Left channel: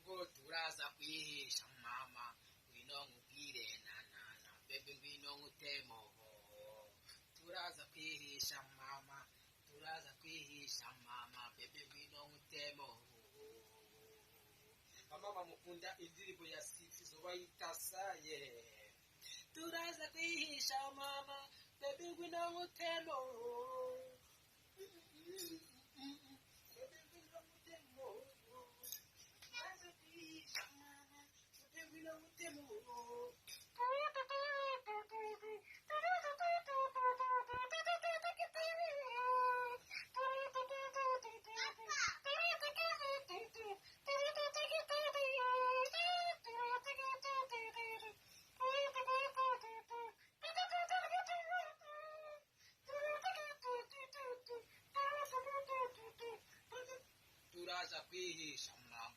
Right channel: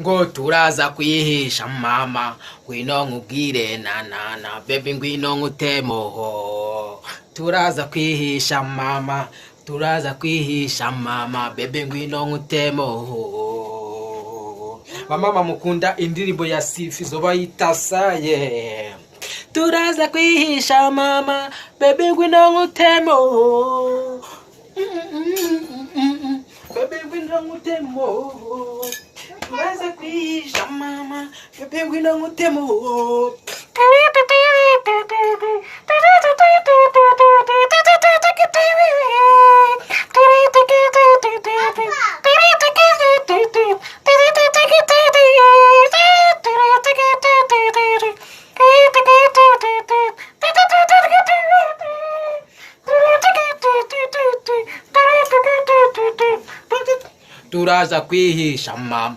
ngo turaza kwihisha mama, ngwino nkubwire na baby ngwino nkutemoho. Turaza kwihisha mama, turaza kwihisha mama, baby ngwino nkutemoho. Bamama mukunda indirimbo ya Sifi zo bayita saye. Turaza kwihisha mama, baby ngwino nkutemoho. Baby ngwino nkutemoho. Turaza kwihisha mama, baby ngwino nkutemoho. Turaza kwihisha mama.